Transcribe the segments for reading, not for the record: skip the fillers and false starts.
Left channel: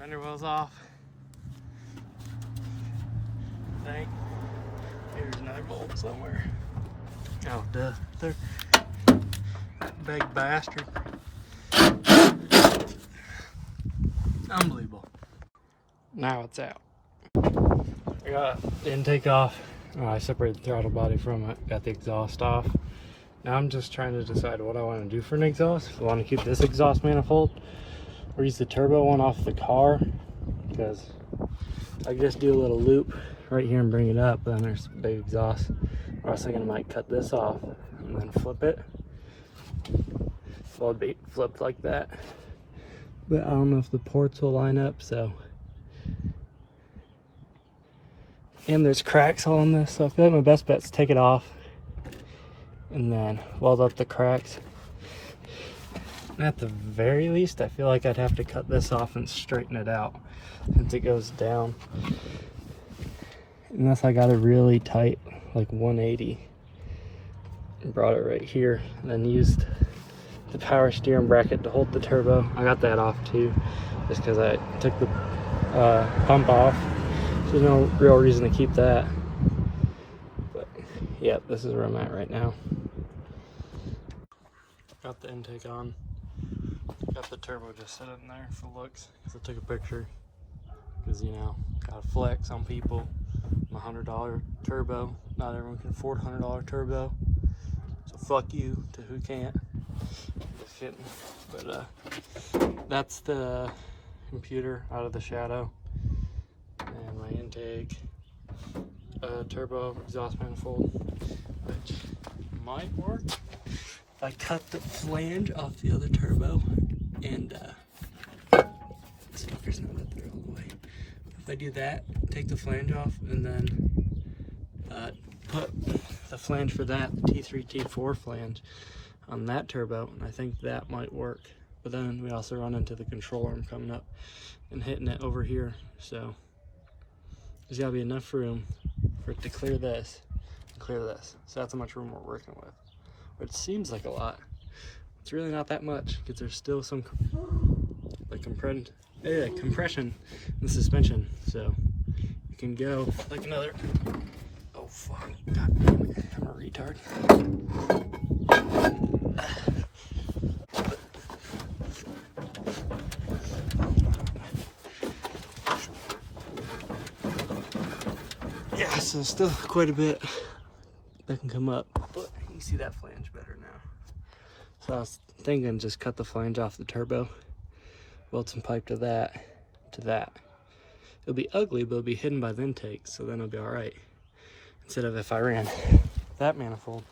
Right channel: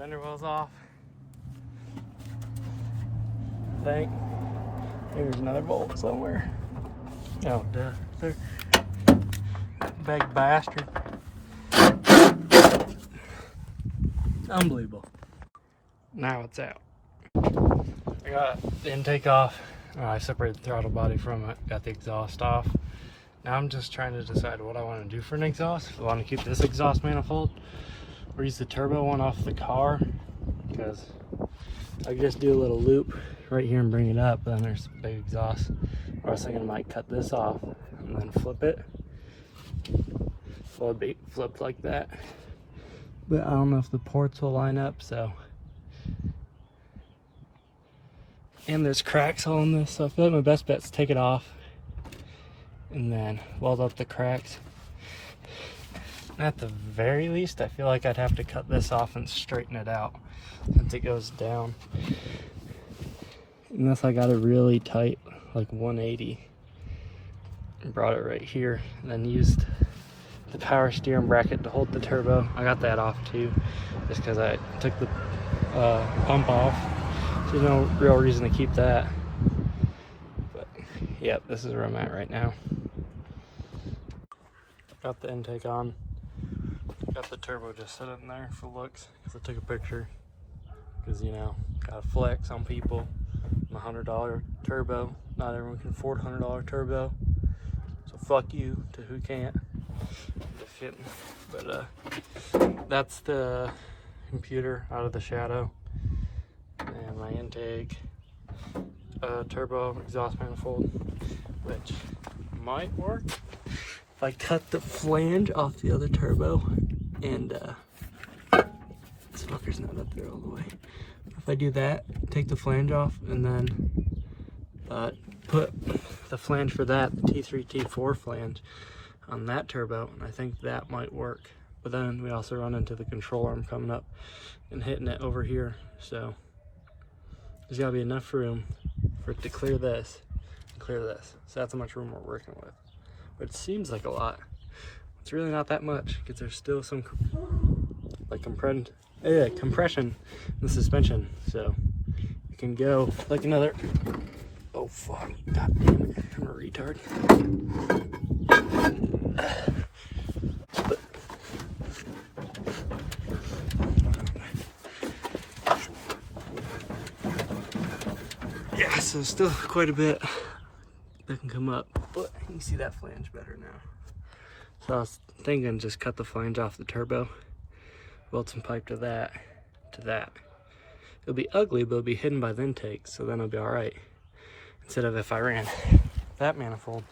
Fender well's off. I think there's another bolt somewhere. Oh, duh. There. Big bastard. Unbelievable. Now it's out. I got the intake off. I separated the throttle body from it. Got the exhaust off. Now I'm just trying to decide what I want to do for an exhaust. I want to keep this exhaust manifold or use the turbo one off the car, because I could just do a little loop right here and bring it up, but then there's a big exhaust. I was thinking I might cut this off and then flip it. Well, it'd be flipped like that, but I don't know if the ports will line up, so. And there's cracks on this, so I feel like my best bet is take it off and then weld up the cracks. At the very least, I feel like I'd have to cut this off and straighten it out since it goes down. Unless I got it really tight, like 180, and brought it right here, and then used the power steering bracket to hold the turbo. I got that off too, just because I took the pump off. So there's no real reason to keep that. But yeah, this is where I'm at right now. Got the intake on. Got the turbo just set in there for looks, because I took a picture. Because, you know, gotta flex on people. $100 turbo. Not everyone can afford $100 turbo. So fuck you to who can't. Just kidding. But that's the computer out of the shadow. And my intake, turbo exhaust manifold, which might work if I cut the flange off the other turbo and this fucker's not up there all the way. If I do that, take the flange off and then put the flange for that, the T3, T4 flange on that turbo, and I think that might work. But then we also run into the control arm coming up and hitting it over here, so there's gotta be enough room for it to clear this and clear this. So that's how much room we're working with. Which seems like a lot. It's really not that much, because there's still some like compression in the suspension. So it can go like another, oh fuck, god damn it, I'm a retard. So still quite a bit that can come up, but you can see that flange better now. So I was thinking just cut the flange off the turbo, weld some pipe to that, It'll be ugly, but it'll be hidden by the intake, so then it'll be all right. Instead of if I ran that manifold,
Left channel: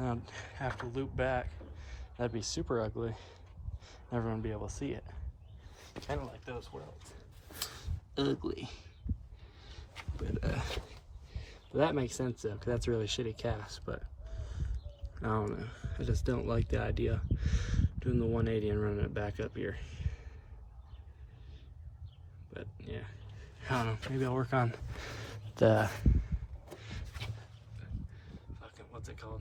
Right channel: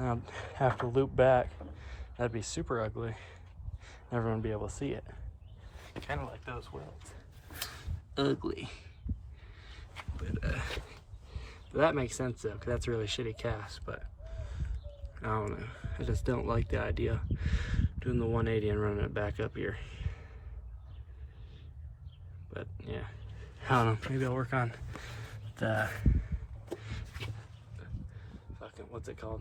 I'd have to loop back. That'd be super ugly. Everyone would be able to see it. Kind of like those welds. Ugly. But that makes sense though, because that's a really shitty cast, but I don't know. I just don't like the idea of doing the 180 and running it back up here. But yeah, I don't know. Maybe I'll work on the fucking, what's it called?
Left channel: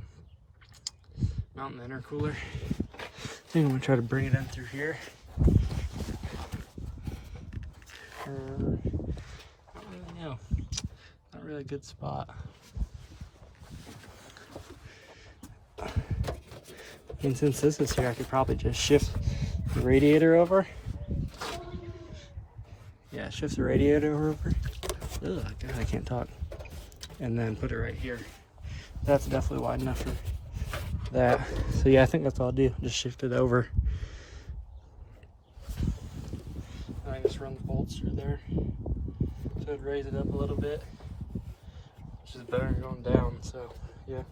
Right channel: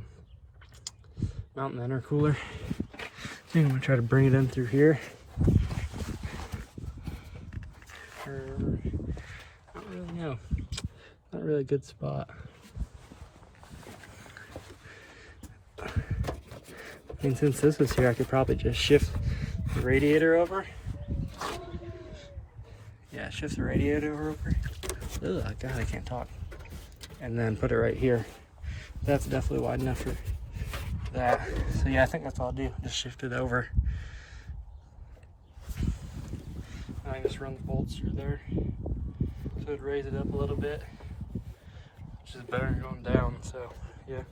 Mountain intercooler. I think I'm gonna try to bring it in through here. I don't really know. Not really a good spot. And since this is here, I could probably just shift the radiator over. Yeah, shift the radiator over. Ugh, God, I can't talk. And then put it right here. That's definitely wide enough for that. So yeah, I think that's all I'll do. Just shift it over. I can just run the bolts through there. So it'd raise it up a little bit. Which is better than going down, so yeah,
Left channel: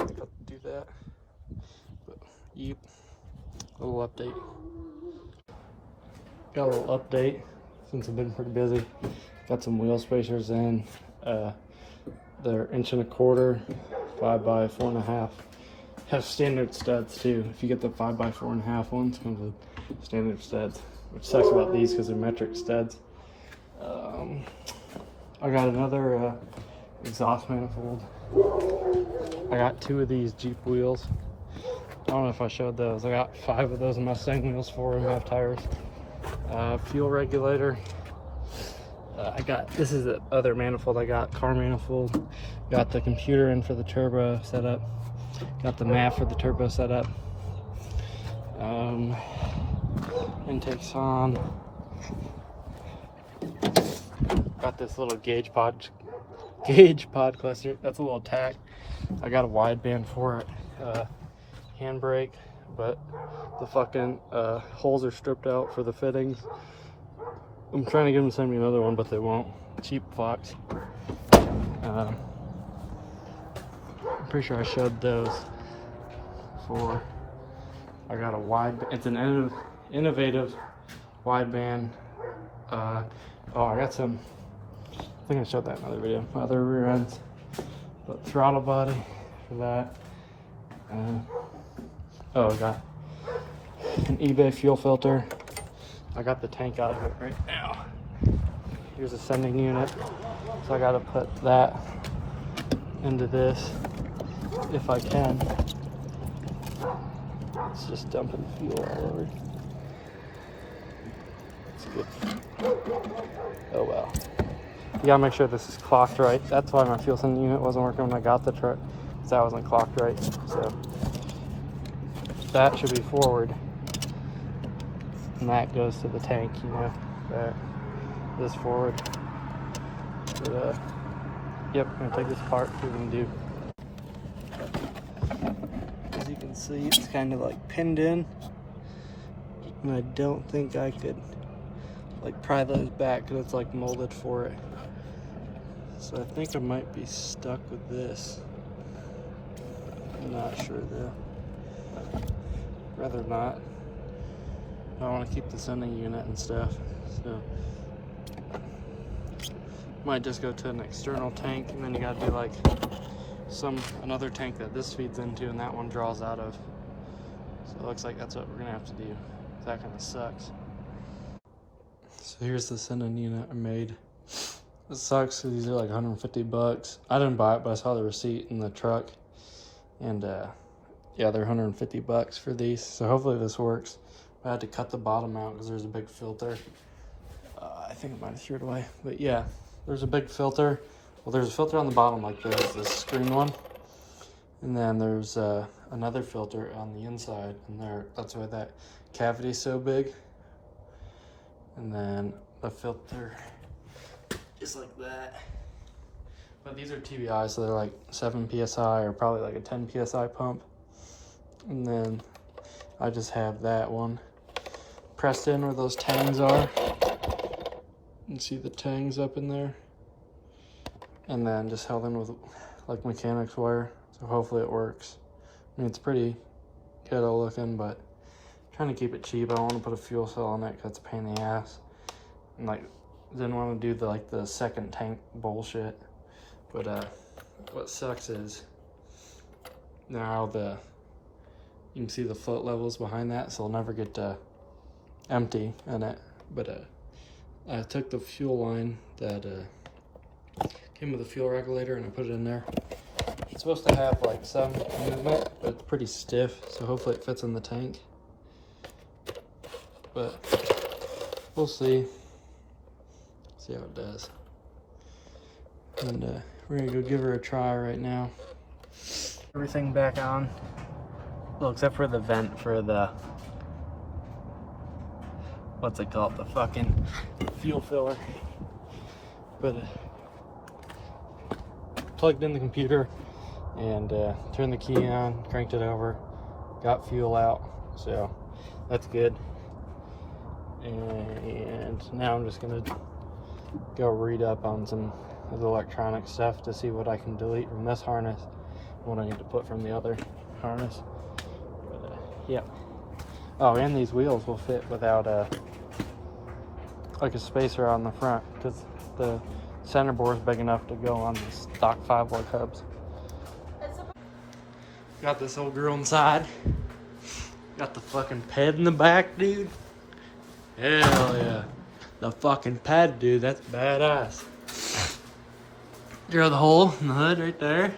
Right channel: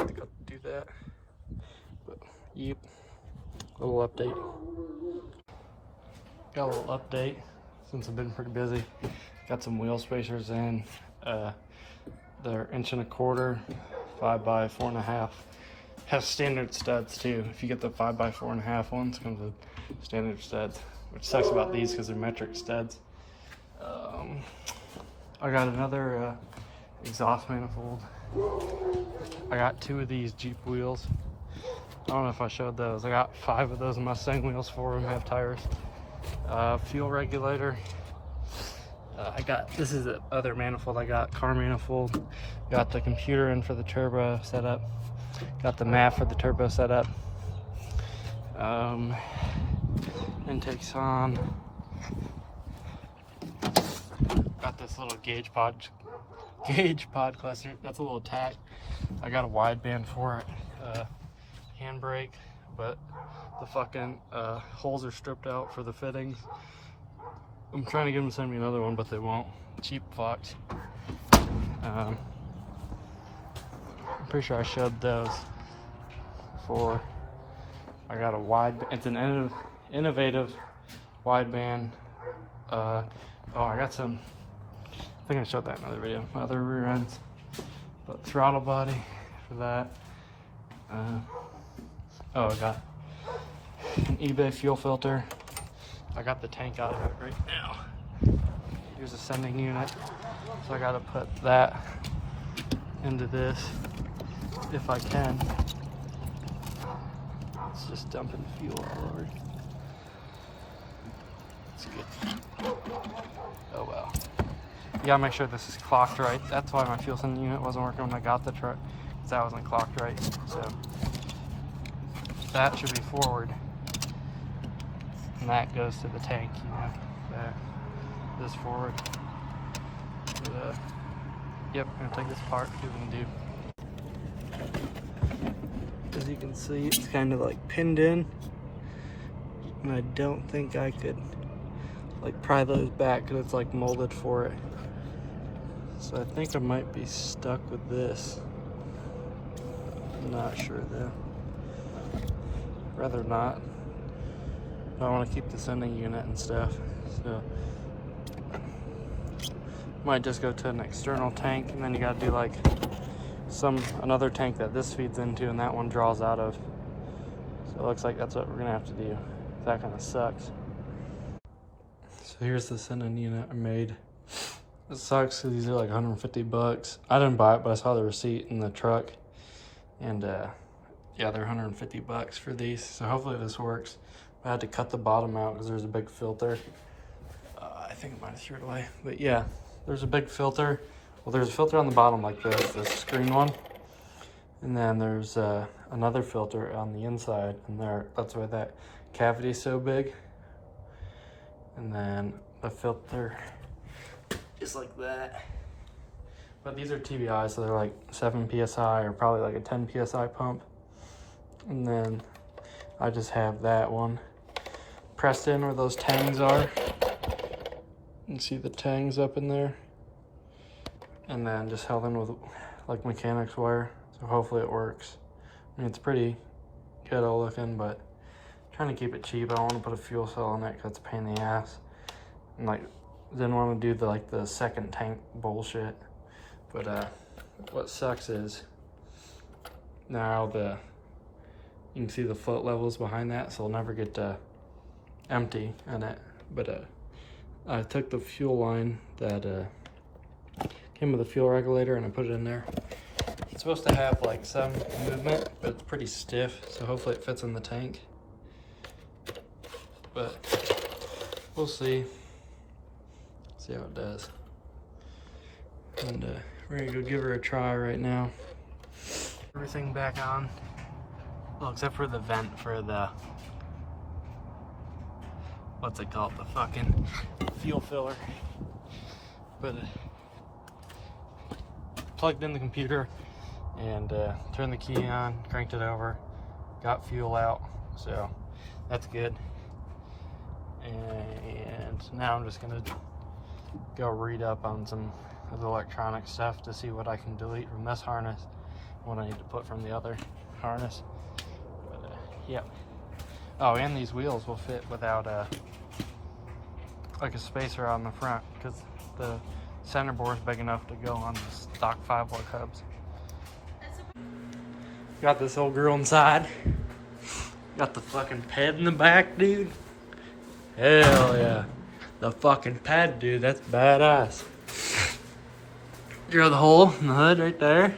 I think I'll do that. But yep, little update. Got a little update since I've been pretty busy. Got some wheel spacers in. They're 1.25 inch, 5 by 4.5. Have standard studs too. If you get the 5 by 4.5 ones, comes with standard studs. Which sucks about these because they're metric studs. I got another exhaust manifold. I got 2 of these Jeep wheels. I don't know if I showed those. I got 5 of those Mustang wheels, 4 of them have tires. Fuel regulator. This is the other manifold I got, car manifold. Got the computer in for the turbo set up. Got the map for the turbo set up. Intake's on. Got this little gauge pod cluster. That's a little tack. I got a wideband for it. Handbrake, but the fucking holes are stripped out for the fittings. I'm trying to get them to send me another one, but they won't. Cheap Fox. I'm pretty sure I showed those before. I got it's an innovative wideband. I got some, I think I showed that in another video. Other rear ends, but throttle body for that. I got an eBay fuel filter. I got the tank out of it right now. Here's a sending unit, so I gotta put that into this if I can. It's just dumping fuel all over. It's good. Oh wow. You gotta make sure this is clocked right. That's why my fuel sending unit wasn't working when I got the truck, because that wasn't clocked right. So that should be forward. And that goes to the tank, you know, that this forward. But, yep, I'm gonna take this apart, see what we can do. As you can see, it's kind of like pinned in, and I don't think I could like pry those back because it's like molded for it. So I think I might be stuck with this. I'm not sure though. Rather not. I want to keep the sending unit and stuff, so might just go to an external tank, and then you got to do like another tank that this feeds into, and that one draws out of. So it looks like that's what we're gonna have to do. That kind of sucks. So here's the sending unit I made. It sucks because these are like 150 bucks. I didn't buy it, but I saw the receipt in the truck, and yeah, they're 150 bucks for these. So hopefully this works. I had to cut the bottom out because there's a big filter. I think it might have threw it away. But yeah, there's a big filter. Well, there's a filter on the bottom like this screen one. And then there's another filter on the inside. And that's why that cavity is so big. And then the filter is like that. But these are TBI, so they're like 7 PSI or probably like a 10 PSI pump. And then I just have that one pressed in where those tangs are. You can see the tangs up in there. And then just held in with like mechanics wire. So hopefully it works. I mean, it's pretty ghetto looking, but I'm trying to keep it cheap. I don't want to put a fuel cell on it because it's a pain in the ass. And like, didn't want to do the second tank bullshit. But what sucks is now you can see the float levels behind that, so it'll never get empty in it. But I took the fuel line that came with a fuel regulator and I put it in there. It's supposed to have like some movement, but it's pretty stiff, so hopefully it fits in the tank. But we'll see. See how it does. And we're gonna go give her a try right now. Everything back on. Well, except for the vent for the, what's it called? The fucking fuel filler. But plugged in the computer and turned the key on, cranked it over, got fuel out, so that's good. And now I'm just gonna go read up on some of the electronic stuff to see what I can delete from this harness, what I need to put from the other harness. But, yeah. Oh, and these wheels will fit without like a spacer on the front, because the center bore is big enough to go on the stock 5-volt hubs. Got this old girl inside. Got the fucking ped in the back, dude. Hell yeah. The fucking pad, dude, that's badass. Drill the hole in the hood right there.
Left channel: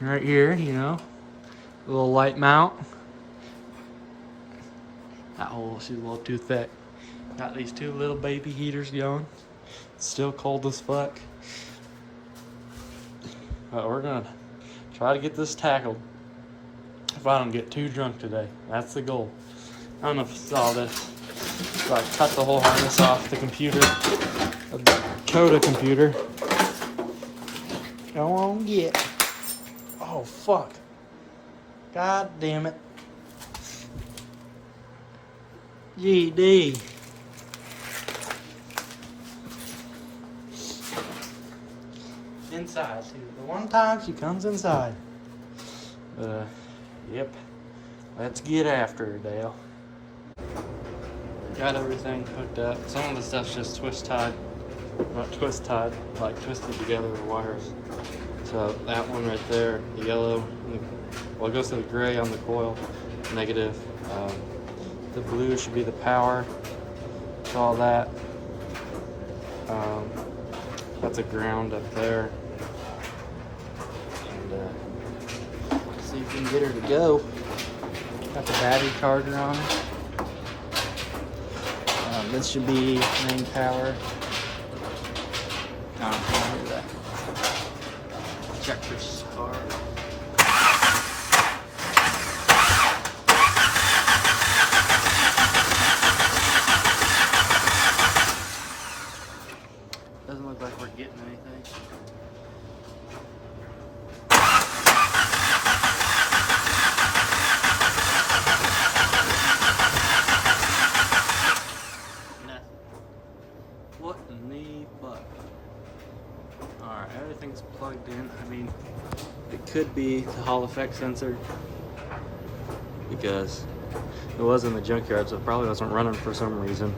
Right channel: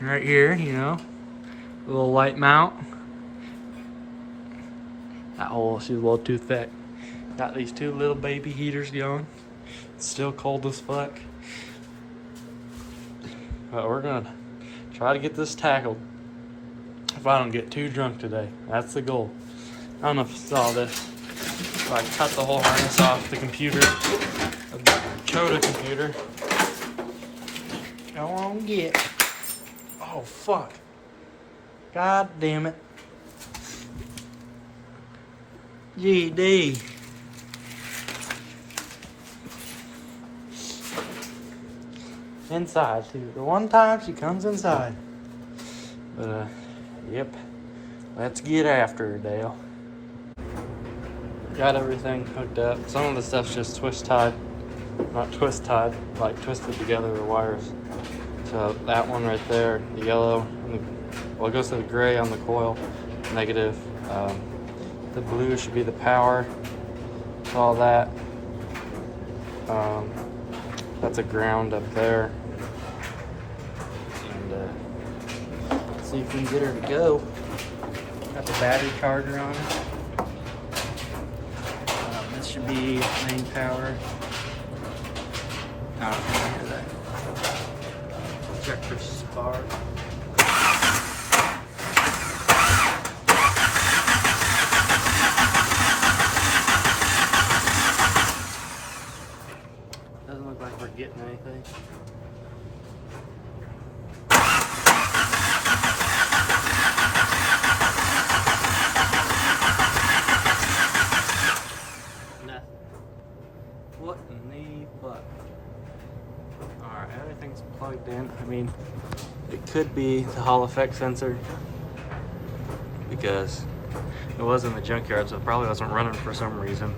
Right here, you know. A little light mount. That hole, she's a little too thick. Got these two little baby heaters going. It's still cold as fuck. But we're gonna try to get this tackled if I don't get too drunk today. That's the goal. I don't know if you saw this. So I cut the whole harness off the computer, the Dakota computer. Go on, get. Oh, fuck. God damn it. GD. Inside, too. The one time she comes inside. But, yep. Let's get after her, Dale. Got everything hooked up. Some of the stuff's just twist tied. Not twist tied, like twisted together with wires. So that one right there, the yellow, and well, it goes to the gray on the coil, negative. The blue should be the power. So all that. That's a ground up there. And see if we can get her to go. Got the battery charger on it. This should be main power. I don't hear that. Check for start. Doesn't look like we're getting anything. What in the fuck? Alright, everything's plugged in. I mean, it could be the Hall effect sensor because it was in the junkyard, so it probably wasn't running for some reason.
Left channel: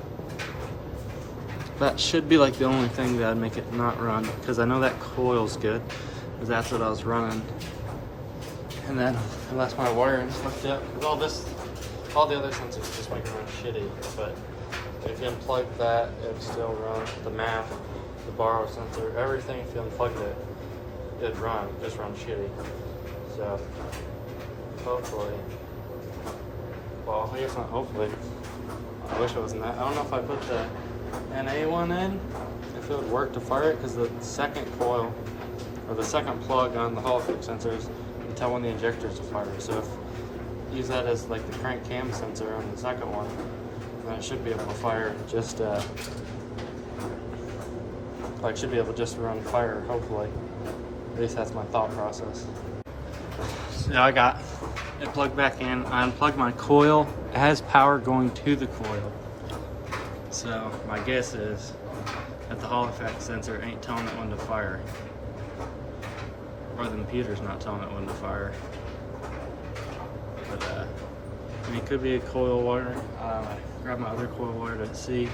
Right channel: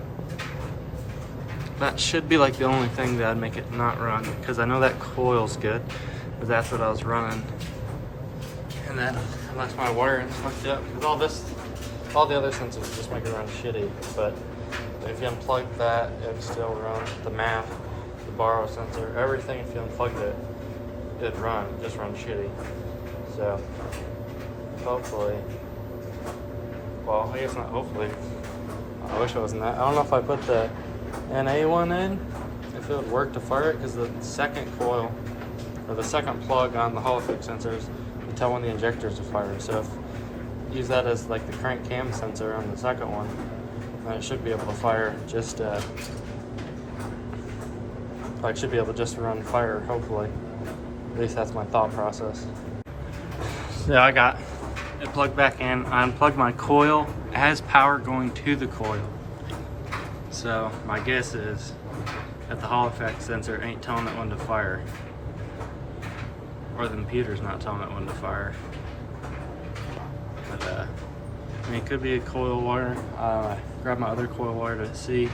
That should be like the only thing that'd make it not run, because I know that coil's good, because that's what I was running. And then, unless my wiring's fucked up, because all the other sensors just make it run shitty, but if you unplug that, it'd still run. The map, the borrow sensor, everything, if you unplugged it, it'd run, just run shitty. So, hopefully, well, I guess not hopefully. I wish it wasn't that. I don't know if I put the NA one in, if it would work to fire it, because the second coil, or the second plug on the Hall effect sensors, can tell when the injectors are fired. So if you use that as like the crank cam sensor on the second one, then it should be able to fire just, like should be able to just run fire, hopefully. At least that's my thought process. So I got it plugged back in. I unplugged my coil. It has power going to the coil. So my guess is that the Hall effect sensor ain't telling it when to fire. Or the computer's not telling it when to fire. But I mean, it could be a coil wire. Grab my other coil wire to see.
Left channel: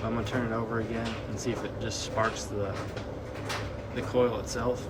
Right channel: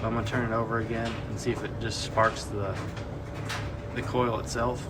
But I'm gonna turn it over again and see if it just sparks the coil itself.